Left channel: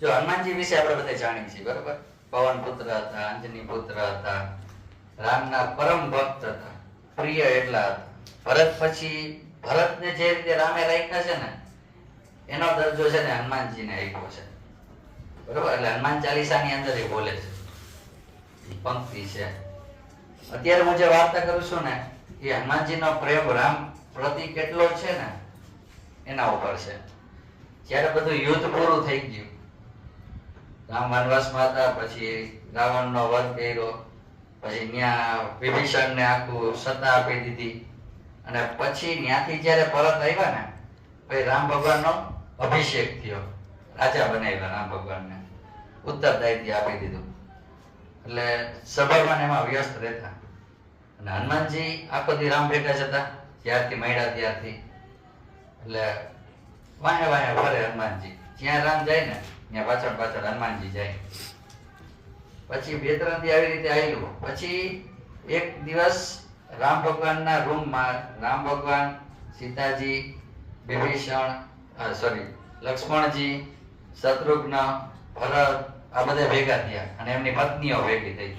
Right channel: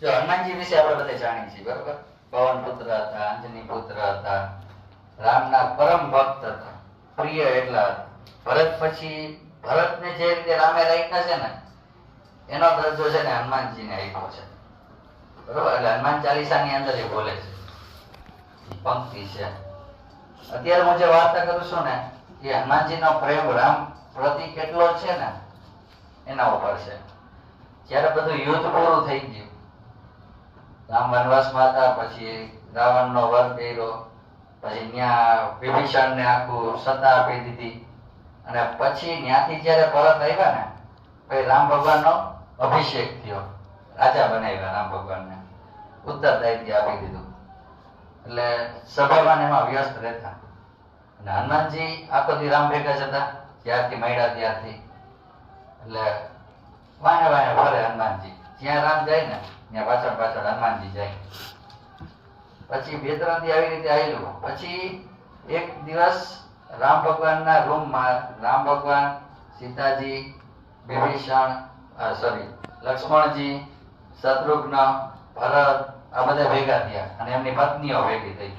જો હનુમાનજી વિશે આપણે બધા જાણીએ છીએ, બરોબર? પવન પુત્ર હતા, અંજની પુત્ર હતા, રામના પરમ ભક્ત હતા, પ્રિય એટલા હતા. ભરત પછી ભરતને જે રીતે રામે રાખ્યા છે ને એનો દરજ્જો છે ને હનુમાનજીને આપ્યો છે, બરોબર? એટલે હનુમાન ચાલીસાની અંદર એ બોલે છે, પંક્તિ છે. અત્યારે હું જે વાર્તા કરું છું ને એ હનુમાનજીનો પ્રેમ રામ પ્રતિ કેટલો છે ને એના ઉપર છે. જ્યારે બધું યુદ્ધ પૂરું થઈ ગયું, રામ વનવાસમાં હતા, પછી રાવણનો વધ કર્યો, પછી ત્યાં વિભીષણને આખું સત્તા આપી દીધી, અને પછી ત્યાંથી જ્યારે પરત આવ્યા ને પછી રામ ભગવાનનો અભિષેક થયો, રાજા બનાવ્યા રામ ભગવાનને, ઉત્તરદાયિત્વ આપી દીધું. એટલે સભામાં એમાં વ્યસ્ત રહેતા. અને હનુમાનજી આખો દી રામ ભેગા જતા, જ્યારથી મળ્યા ત્યારથી. એટલે વાહે વાહે ફરે હનુમાનજી, જ્યાં રામ જાય ને ત્યાં પાછળ પાછળ હનુમાનજી જાય. પછી બે ત્રણ દી આવી રીતે આવેલું. પછી એક દિવસ રામ ભગવાનના રૂમમાં રામ ભગવાન, સીતાજી, વિભીષણ, લક્ષ્મણજી, શત્રુઘ્ન, ભરત આ બધા ભેગા થયા અને એમની પત્નીઓ ભેગી થઈ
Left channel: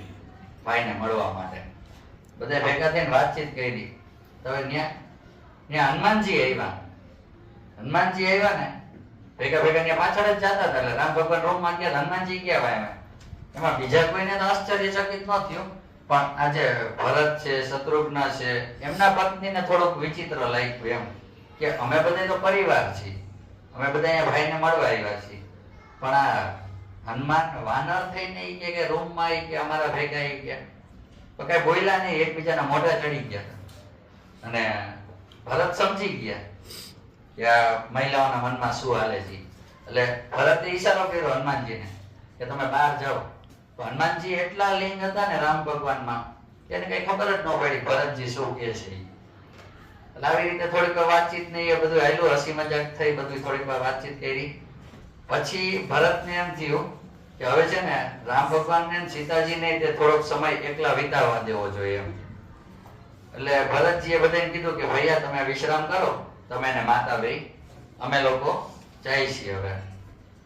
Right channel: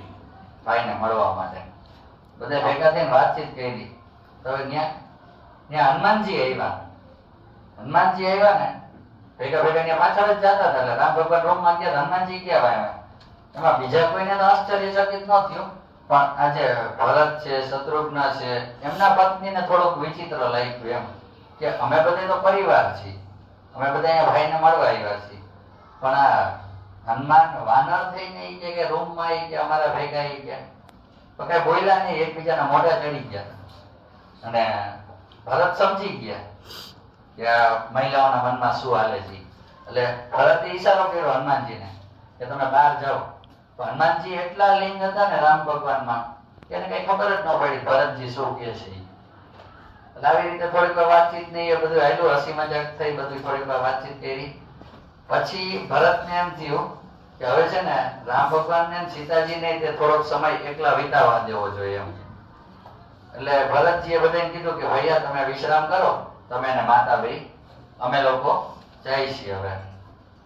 ભાઈને મળવા માટે. બધા ભેગા થઈને વાતચીત કરી. તો ત્યાં હનુમાનજી આવ્યા. હનુમાનજી આવ્યા ને ભેગા ભેગા ત્યાં પાછળ જ જતા હતા. એટલે રામ ભગવાન રૂમમાં ગયા, હનુમાનજી ગયા આવ્યા. એમાં બીજા કોઈને તો આશ્ચર્યચકિત ન થયું, પણ આજે ભરત છે, શત્રુઘ્ન છે, એમના પત્નીને થોડુંક વિચિત્ર લાગ્યું એમ કે અમે બધા તો પરિવાર છીએ, અમે બધા અહીંયા ભાઈને મળવા આવ્યા છીએ, પણ આ હનુમાન વાનર થઈને કે રૂમમાં આવી ગયા અમારા ભેગા આવી ગયા. તો કઈ બોલ્યા નહીં, એકબીજાના મોઢા ચડી ગયા. અને ભરત સમજી ગયા કે આ મહિલાઓના મનમાં શું હાલે છે. એટલે ભરતે ઈશારો કર્યો હનુમાનજીને કે તમે બહાર જાઓ. તો હનુમાનજી એટલા લીન હતા ને રામ ભગવાનમાં એને કઈ ખબર જ ન પડી ભરતજી શું કહે છે. એટલે આવી રીતે થોડીક વાર વાતચીત નહીં, એ બધું હાલ્યું, હસી મજાક થઈ, બધું થોડીક વાર વાતચીત કરી. પછી ભરતને એમ થયું કે હવે છે ને રામ ભગવાનને સીતાજીને તે થોડોક સમય એકલા વિતાવવા દેવો જોઈએ એમ. એટલે ભરતજીએ બધાને કીધું કે ભૈયા તમે વિશ્રામ કરો, તમે એને માતા ભાઈ, અમે લોકો જઈએ છીએ હવે.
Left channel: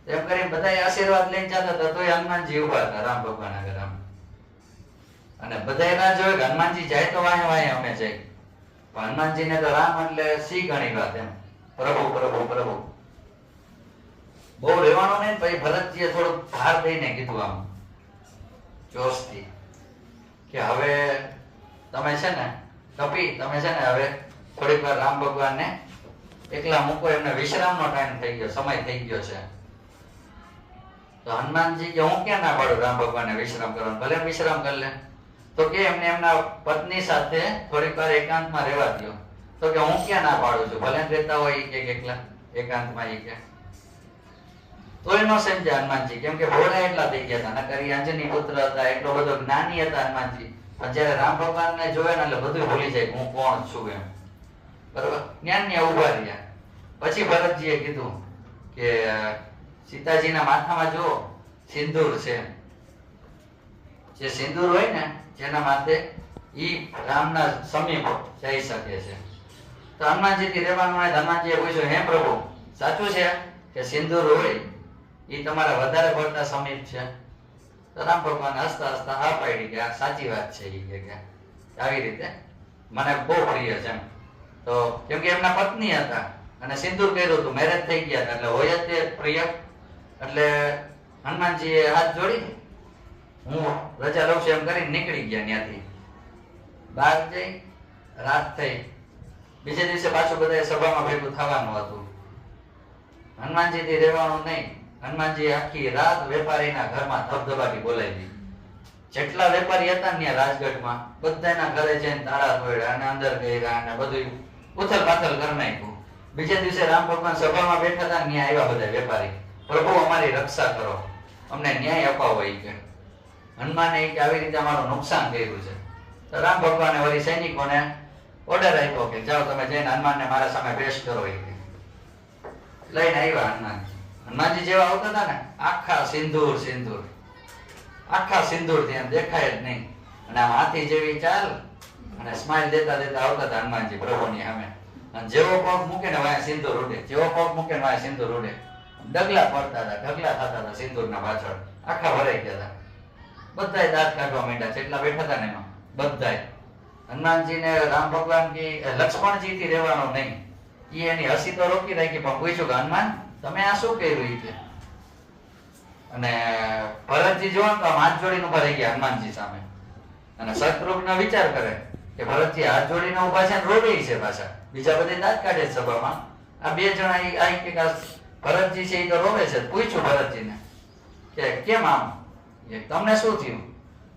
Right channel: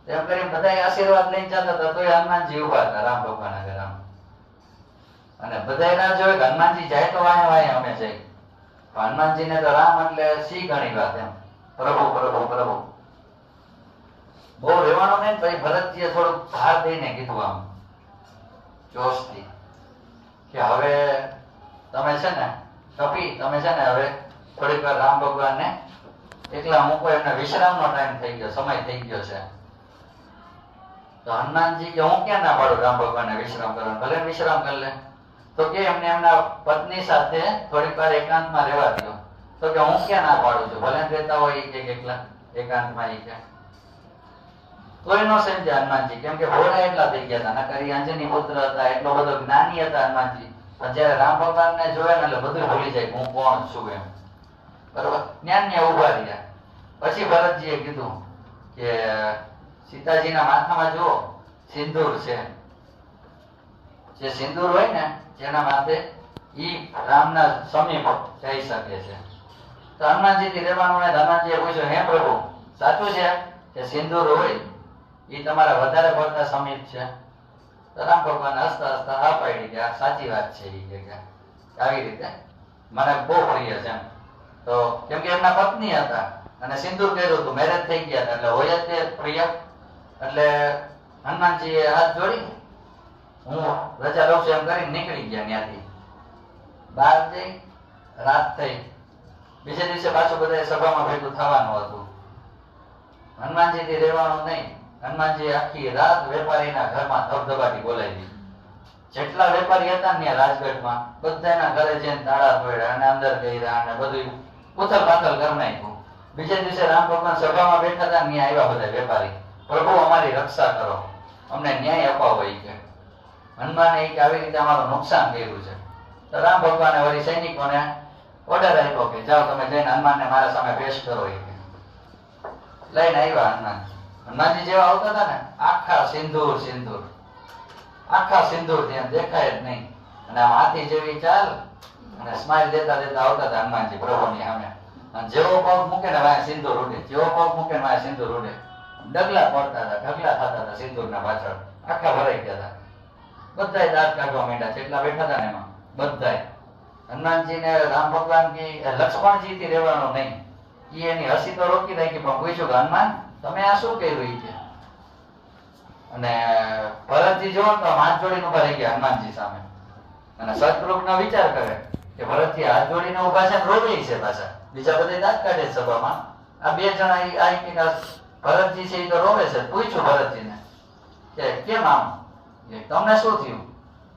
એમ કરી બધા આશીર્વાદ લઈને જતા હતા, તોય હનુમાનજી ઉભા હતા રામ ભગવાન આગળ આમ. અને બધા ના જોયું કે હનુમાનજી જાય તો વાય વાય અમે જઈ. હનુમાનજીને તો રામ એટલે સી ઘણી વાત એમ, પ્રભુ પ્રભુ પ્રભુ. બહુ રહેવાનો નહીં. પછી ભરતજીએ થોડુંક ભાર દઈને કીધું આમ જોશથી કે હવે તમે છે ને કપી, તમે છે ને હવે થોડીક વાર રામ ભગવાનને એકલા મૂકો, એમને વિશ્રામનો ટાઈમ થઈ ગયો, સમય થઈ ગયો છે. તો હનુમાનજી કે હું ક્યાં ના પાડું રામ ભગવાનને વિશ્રામ કરવાનું, ભલે વિશ્રામ કરી લે. તો કે એમને એમના પત્ની સાથે થોડીક વાર એકાંતમાં રહેવા દો. તો કે હું ક્યાં ના પાડું છું, ભલે રહેતા હોય કે એકલા એકાંતમાં એ કે. તો એનો સમજ્યા હનુમાનજી, કેમ કે ભોળા એટલા થઈ ગયા હતા, નકર અંજની પુત્ર હતા, એટલો બધો જ્ઞાની હતા હનુમાનજી. પણ જયારે રામ ભગવાનને જોયા ને એટલે બધું ભૂલી જાય હું કોણ છું એમ, બરોબર? જ્ઞાન ને ઉભા રહ્યા. પછી ભરતજીએ કીધું કે સીતાજીના માથામાં જુઓ સિંદૂર છે, જે સિંદૂર હોય ને જેના માથે ઈ રામના સમીપ જઈ શકે છે. તો હનુમાનજીથી રહેવાનું હોય. હનુમાનજીએ પૂછ્યું, હે પ્રભુ સાચું છે કે સિંદૂર હોય એ તમારા વધારે પડતા સમીપ છે? તો રામ ભગવાન હસતા હસતા હા પાડી કે આ સાચી વાત છે. એ કે આવી રીતે મને બહુ પ્રિય છે. તો કેમ કે એમના પત્ની હતા અને સિંદૂર કર્યું હતું, મેરેજ થઈ ગયા હતા, એટલે હોય જ તે પ્રિય. એટલે હનુમાનજીએ હાથ જોડી હું રજા લઉં છું એમ કરીને નીકળી ગયા. ત્યાંથી બહાર જઈ રાત થઈ. બીજે દિવસે પાછું બધા સભામાં ભેગું થવાનું હતું. હનુમાનજીથી રહેવાનું નહીં. હનુમાનજી આખી રાત વેપારીના ઘરમાં ધબધબાટી બોલાવી. જેટલા વેપારી હતા ને રાજગઢમાં બધાના ઘરે જઈને તાળા તોડ્યા અને અંદર ગયા અને બધું ઉથલ પાથલ કરી નાખ્યું. બીજે દિવસે રામ ભગવાન સભામાં બેઠા હતા, ત્યાં આવ્યા બધા વેપારી, પ્રભુ અમારી રક્ષા કરો, અમને ન્યાય અપાવો. એ કે હનુમાને આવી રીતે અમારું નુકસાન કર્યું છે. તો રામ ભગવાને વળી સૈનિકોને ઓર્ડર આપ્યો કે જાઓ તમે જઈને હનુમાનને મારા સામે પેશ કરો. એ લઈને આવ્યા હનુમાન. હનુમાનજી જેવા આવતા હતા ને આખા સિંદૂર સિંદૂર, આખા સિંદૂર ત્યાં દેખાય જ નહીં. અને આમ હાથી જેવી ચાલ અને સ્માઈલ દેતા દેતા આવતા હતા હનુમાનજી પ્રભુની સામે. અને જેવો પગ મૂકે ને વાય સિંદૂર ઉડે, જેવો પગ મૂકે ને વાય સિંદૂર ઉડે. ડગલા પડતા હતા, ઢગલા થતા હતા સિંદૂરના પાછળ, આખા ભરાઈ ગયા હતા. બધાય દાંત કાઢવા માંડ્યા, જેટલા બેઠા હતા ને એમાં બધાય. હનુમાનજીને રામ ભગવાન કે લક્ષ્મણજી થી રહેવાનું નહીં, ઈ એની હસી તો રોકી રાખી, પણ પૂછ્યું કે હનુમાન તમે આ શું કર્યું ઈ કે. અને ભરતજી જોવા તો હાથ જોડીને ઉભા રહી ગયા હનુમાનજી સામે, અને શત્રુઘ્ન વિચાર કરે કે ભરતજી હાથ જોડીને ઉભા છે, રોવે છે પાછા, બીજા બધે દાંત કાઢે છે સભામાં, આ બે જણા આ કે ભરતજી છે એ તો રોવે છે. પૂછ્યું ભરતજીને કે કેમ આમ, તમને શું થયું?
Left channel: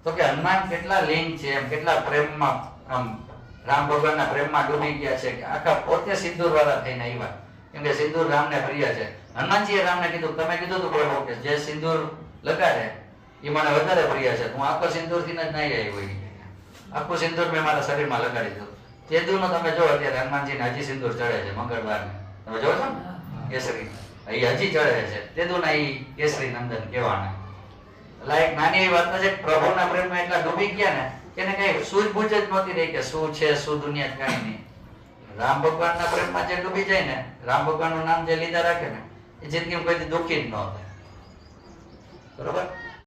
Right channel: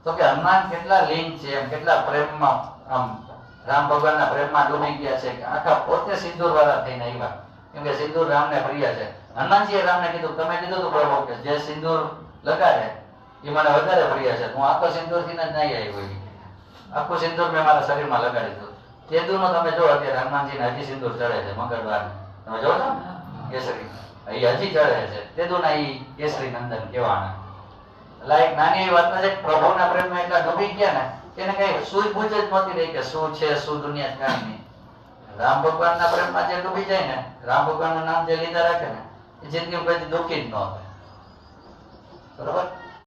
તો કે હનુમાન કેટલા લીન છે, એમ કેટલા પ્રેમમાં, આમ રામ ભગવાનના પ્રેમમાં ડૂબી ગયા છે કે આખા પોતે સિંદૂર વાળા થઈને આવ્યા, કેમ કે સિંદૂર રામને પ્રિય છે. હનુમાનજીએ રામને કીધું, તમે કીધું તું પ્રભુ કે જે સિંદૂર લગાડે એ મને વધારે પ્રિય છે, હું આખો સિંદૂર થી જ નહીં આવ્યો, આખું સિંદૂર મેં મારા શરીરમાં લગાડી દીધું. કેદુનો તમે જો અત્યારે હનુમાનજીને હજી સિંદૂર ચડે છે, મંગળવારને તમે જો છો કેસરી એ હજી ચડે છે, તેદુના એ કેસરી નંદન કહેવાના. એટલે એક નાની એવી વાત છે, પ્રભુના પ્રેમમાં એટલા ડૂબી ગયા ને કે એને કઈ સૂઝબૂઝ જ નહોતી રહી કે શું છે શું દુનિયા કાંઈ નહીં. રામ ભગવાનના પ્રેમમાં જે ડૂબી જાય ને, રામ ભગવાનનું નામ જે લીધા રાખે ને, એ જિંદગીમાં કોઈ દુઃખી જ ન થાય. બરોબર.